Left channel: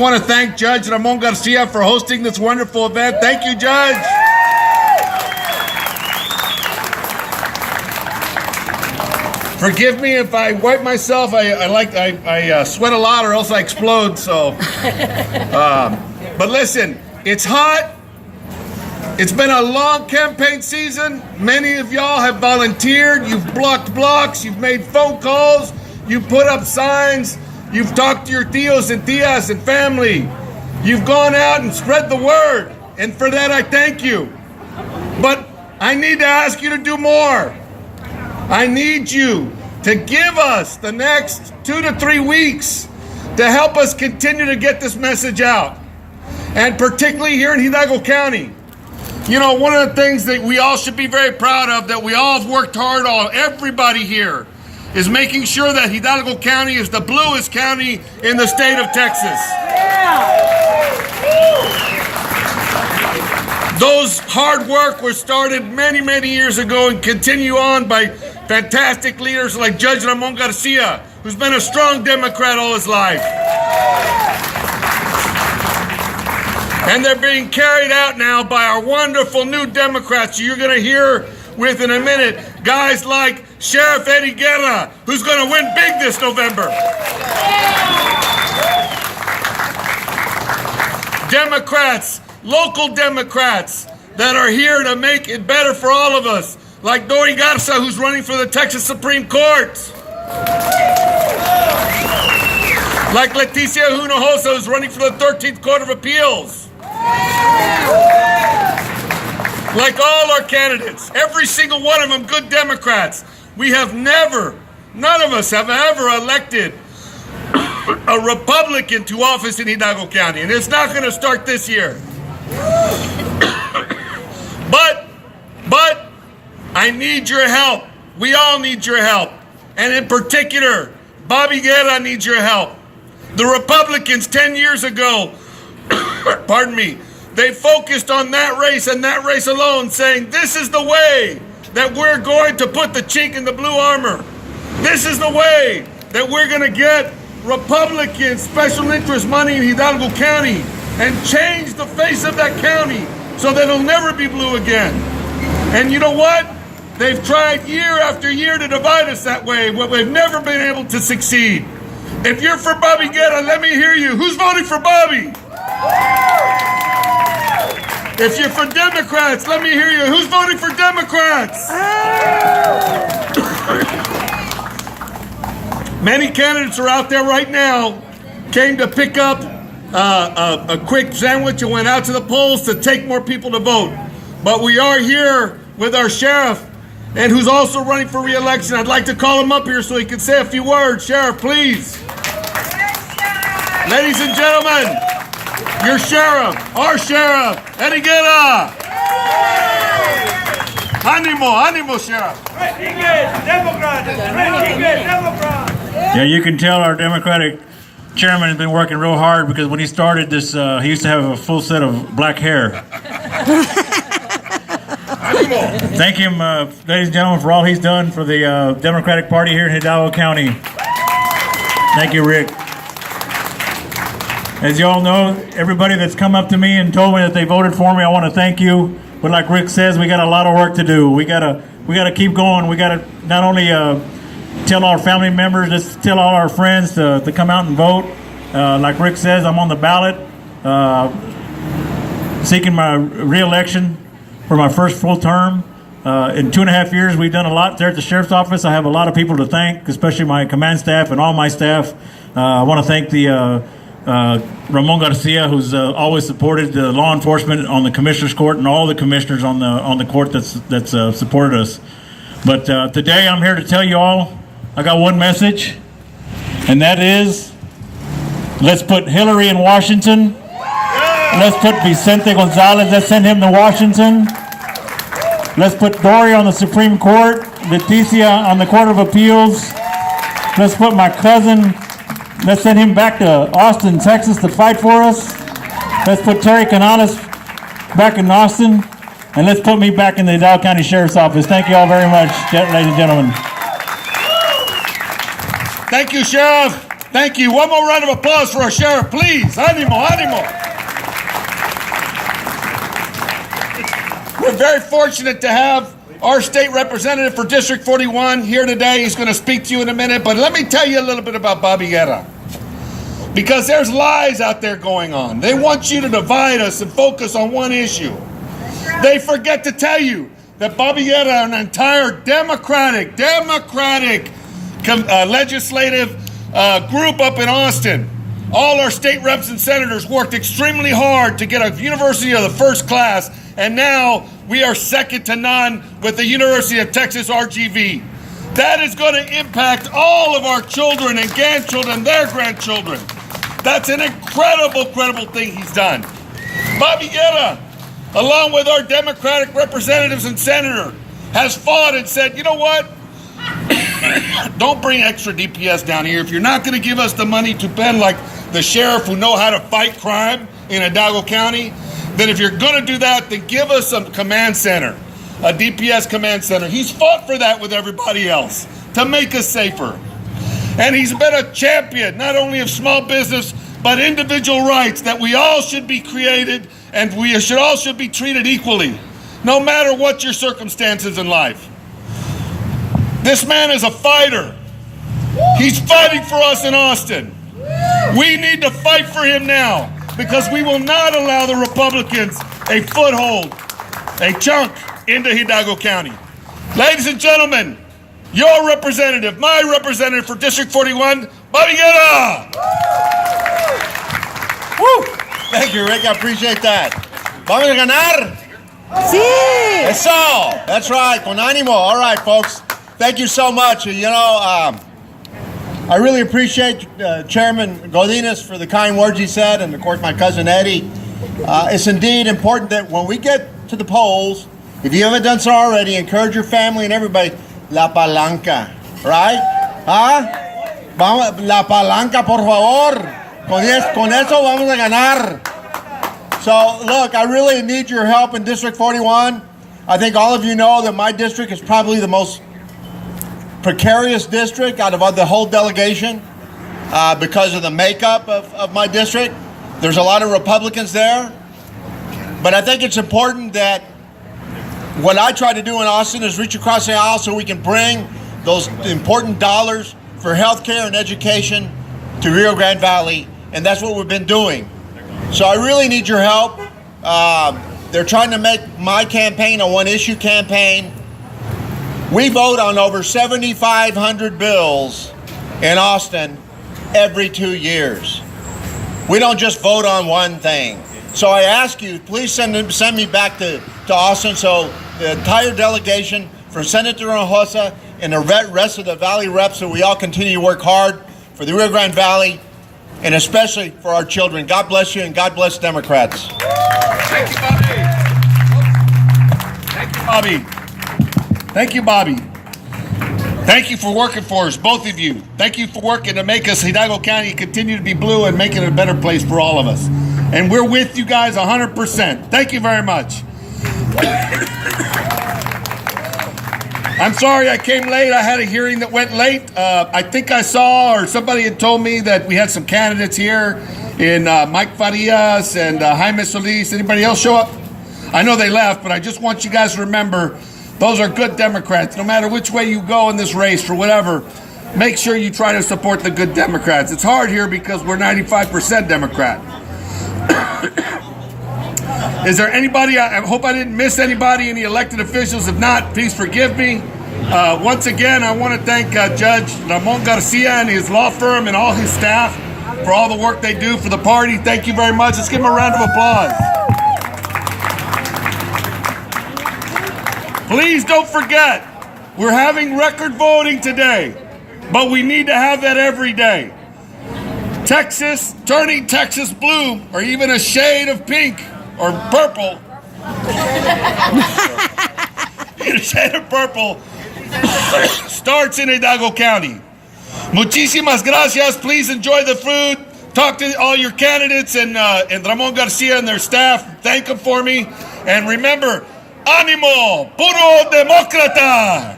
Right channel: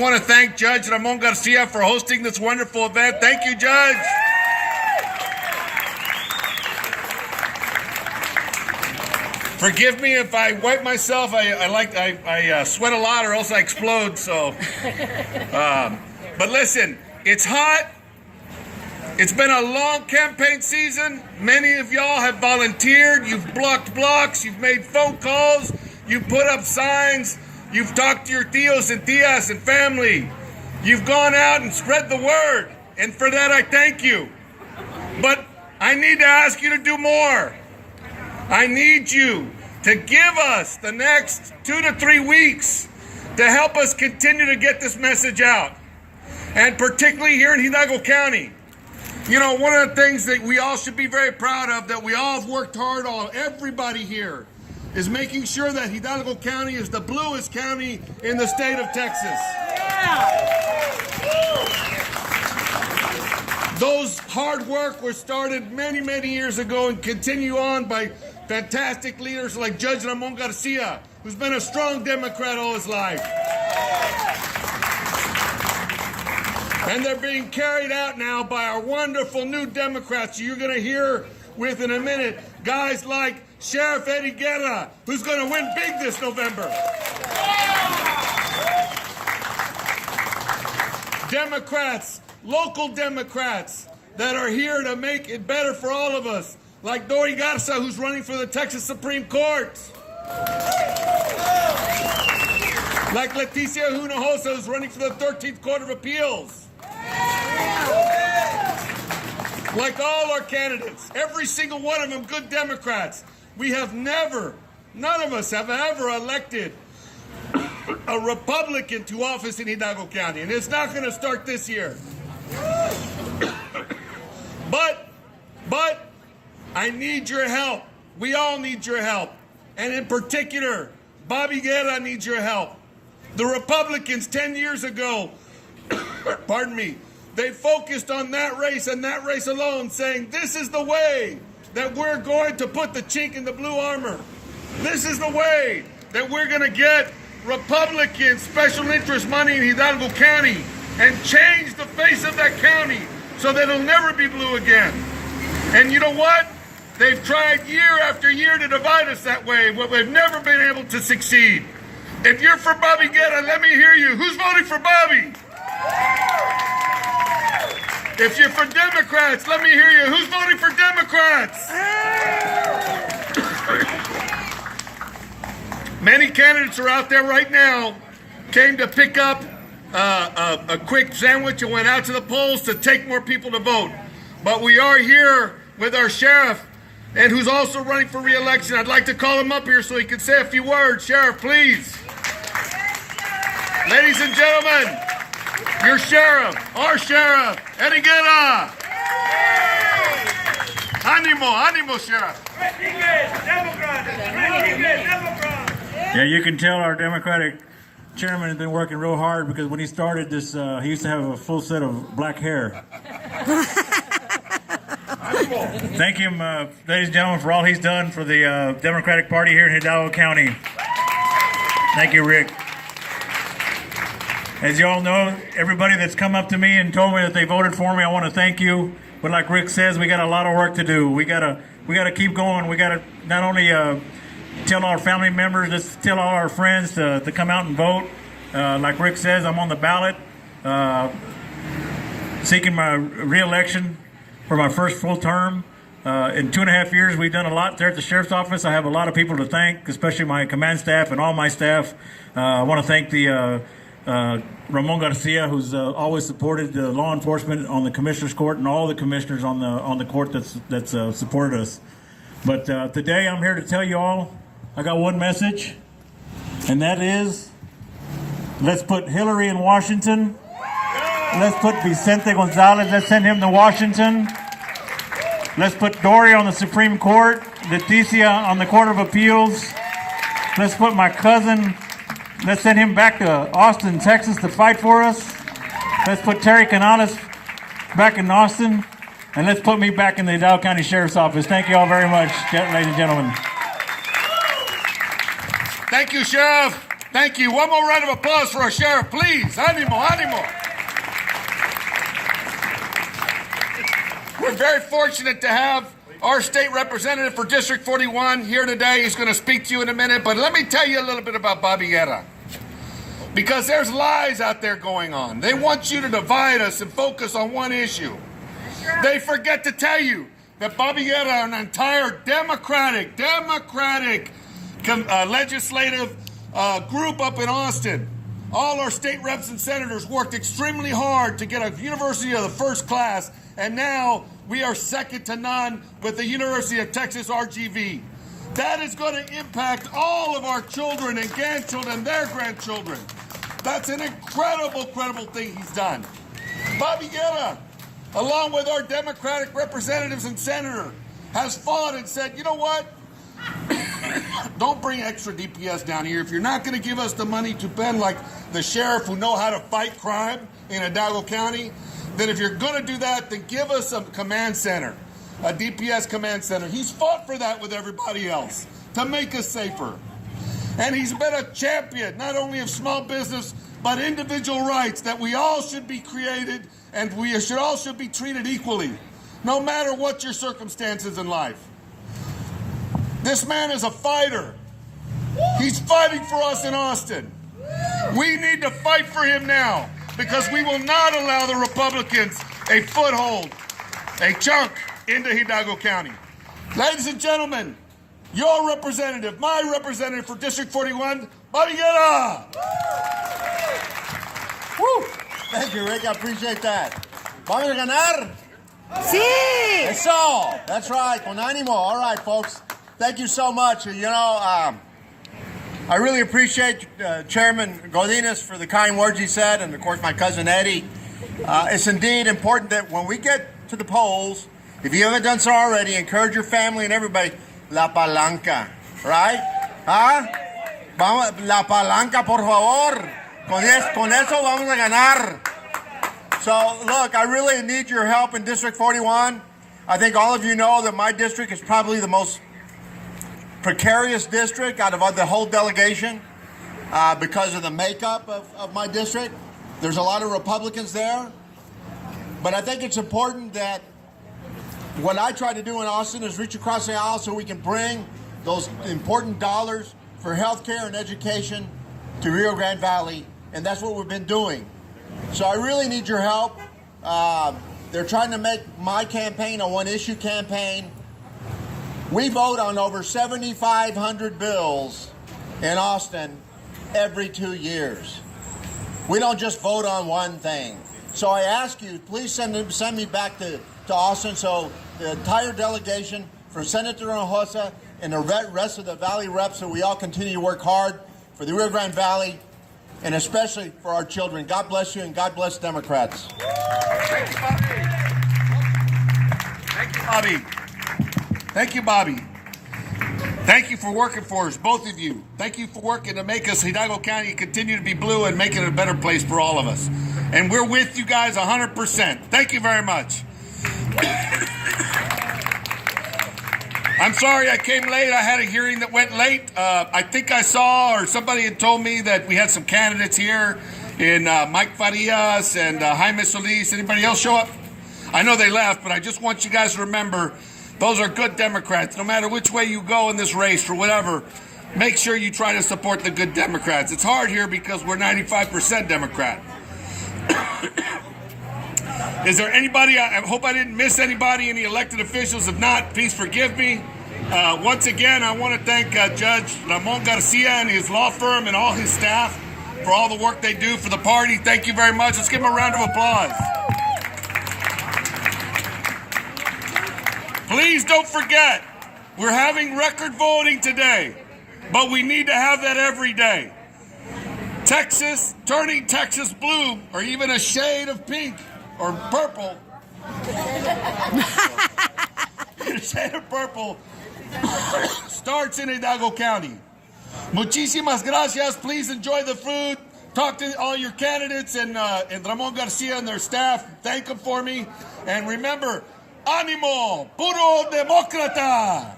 I want to thank Judge Ramon Garcia for hosting this wonderful event. Thank you, Judge. Forgive me if I wipe myself. I sweat a lot or else I explode. So, but listen, it's hot. It's been a long campaign season. Many of y'all have volunteered. You've blocked blocks. You've made phone calls. You've put up signs. You've talked to your tios and tias and family. You've gone out and spread the word. And for that, I thank you. But I need to ask you to do more. I need you to give us the next 2 to 3 weeks to help us continue to get this message out. And particularly here in Hidalgo County. You know, one of the things that we all should be very proud of, that we all have worked hard on, everybody here, is making sure that Hidalgo County is the bluest county in the state of Texas. Those hard work was started many, many years ago and continue on by fantastic leaders like Judge Ramon Garcia, who's been a strong Democrat all his life. And they're being carried out now by our wonderful new Democrats you're going to hear with in a minute. Guys like Sheriff Eddie Guerra, who's going to win big this November. Democrats, local Democrats that are here to make it better for all of us, like Dori Garza, who's running for the Texas Supreme Court. Like Leticia Hinojosa, who's running for the 13th Court of Appeals. Like all our candidates, every single one of them good Democrats. We have never, none of us have ever elected a Republican to office in Hidalgo County, and it's not going to start this year. But I need your help. We all need your help. And in particular, Bobby Guerra needs your help. The Republicans 10 years ago, pardon me, they focused on that race and that race alone, saying this is the way that we're going to put the chink in the blue armor. This is the way that we're going to get Republican special interest money in Hidalgo County and change the face of that county so that it'll never be blue again. And you know what? They've tried year after year to divide us that way, but we've never been able to succeed. If you're for Bobby Guerra, let me hear you. Who's voting for Bobby? If you're for Democrats, let me hear you. Who's voting for Democrats? Many candidates are out there right now, came to pick up a quick sandwich and went out to the polls to take more people to vote. But we are here with our sheriff, and who's also running for re-election. I'd like to call him up here so he can say a few words. Sheriff, please. Ladies and gentlemen, your sheriff, our sheriff, Eddie Guerra. Animo, animo, Sheriff. Yeah, you can tell our Democratic chairman has been working real hard, because when he started this, he used to have a full set of black hair. Thank him, ladies and gentlemen, for all he's done for the Democratic Party here in Hidalgo County. Thank you, Rick. As you all know, everybody that's come up to me and told me that they voted for me, I want to thank you. But like Rick says, we got a lot of work to do. We gotta keep going. We gotta not only tell our family members, let's tell all our friends to come out and vote. Like Rick says, I'm on the ballot, seeking my re-election for my first full term. In 2.5 years, we've done a lot there at the Sheriff's Office. I have a lot of people to thank, especially my command staff and all my staff. I want to thank the Ramon Garcia, who's always supported the law enforcement on the Commissioner's Court, and all the commissioners on the court that's supported us. But today I'm here to tell you all, I got one message, and that is, let's put Hillary in Washington. Let's put Vicente Gonzalez, let's send him to Washington. Let's put Dori on the Supreme Court, Leticia on the Court of Appeals. Let's put my cousin, let's send him back to Austin, Texas to fight for us. Let's put Terry Canales back in Austin. And let's put me back in the Hidalgo County Sheriff's Office. Thank you all very much, ladies and gentlemen. Thank you, Sheriff. Thank you. One more round of applause for our sheriff, please. Animo, animo. We're very fortunate to have our state representative for District 41 here today. He's going to speak to you in a minute, but let me tell you a little bit about Bobby Guerra. Because there's lies out there going on. They want you to divide us and focus on one issue. They forget to tell you that Bobby Guerra, an entire Democratic legislative group up in Austin, all our state reps and senators worked extremely hard to get a university of the first class, and now we are second to none with the University of Texas RGV. That is going to impact all of our children and grandchildren, their grandchildren. That's an incredible thing he's done. Bobby Guerra, along with our Democratic representatives and senator, has fought and said, you know what? Don't bring extra DPS down here. If you're not going to give us the money to spend like the sheriff who know how to fight crime in Hidalgo County, then if you're going to do that, then give us a command center, a DPS command center. He's fought for that with everybody else to make us safer. And he's been a champion, not only of small business, but individual rights, that we all should be created and we all should be treated equally, no matter what your circumstances in life. This man is a fighter. He's fighting for us in Austin. We need to fight for him now, because we will not allow the Republicans a foothold, a chunk into Hidalgo County. Ladies and gentlemen, your representative, my representative for District 41, Bobby Guerra. Woo! Thank you, Rick. I appreciate that. Vamos a ganar? Sí. Eso. That's right. Con ánimo. All right, folks. Thank you so much. You know, I really appreciate Chairman Godinez for the kind words he said, and of course my cousin Eddie. It's indeed important that when we get to the polls, if you haven't done so already, encourage your family and everybody. La palanca, right? Huh? Vamos, la palanca, por favor. Con eso vamos a ganar. So, look, I really need your help in District 41. I think all of you know that my district is probably the most precarious district out of the whole delegation because of the makeup of my district. There's a lot of Republicans there. But I think it's important that what I try to do in Austin is reach across the aisle so we can bring those important dollars for healthcare and education to Rio Grande Valley, and that's what we've been doing. So I really need your help. They're trying to make my campaign a one-issue campaign. We vote on over 7,500 bills in Austin every 2 years. We don't just vote on one thing. So I ask you, please send me back to Austin so the entire delegation from Senator Hinojosa and the rest of the Valley reps, so we all continue to work hard for the Rio Grande Valley and especially for our children. God bless you and God bless Democrats. Thank you, Bobby. Thank you, Bobby. Thank you, Bobby. Thank you for working for us, both of you. Thank you for working to make us Hidalgo County continue to be blue and make it a better place for all of us. And we're with you guys 100%. Thank you very much. I'm sorry I came late. I had a hearing that went late. I think I saw, or somebody had told me that we had some candidates here in Mike Farias and Jaime Solis. Anybody else show up? I know they left, but I just want you guys to remember those are good Democrats. No matter which way you go in this race for whatever, make sure you try to support the good Democrats. It's hard here because we're 95% Democrat. Is there anybody, I hope I didn't miss anybody, any elected officials? If not, please forgive me. Once again, I want to thank Judge Ramon Garcia and his law firm and all his staff for all the work they do for the party. Thank you very much. Let's give them a round of applause. Please don't forget, we're having record voting today, but we need to have that every day. Texas, turning Texas blue, or even a shade of pink or purple. A shade of purple starts in Hidalgo County. Muchísimas gracias. Please enjoy the food. Talk to all your candidates and Ramon Garcia and their staff. Thank them for me. And remember, ánimo, puro demócrata.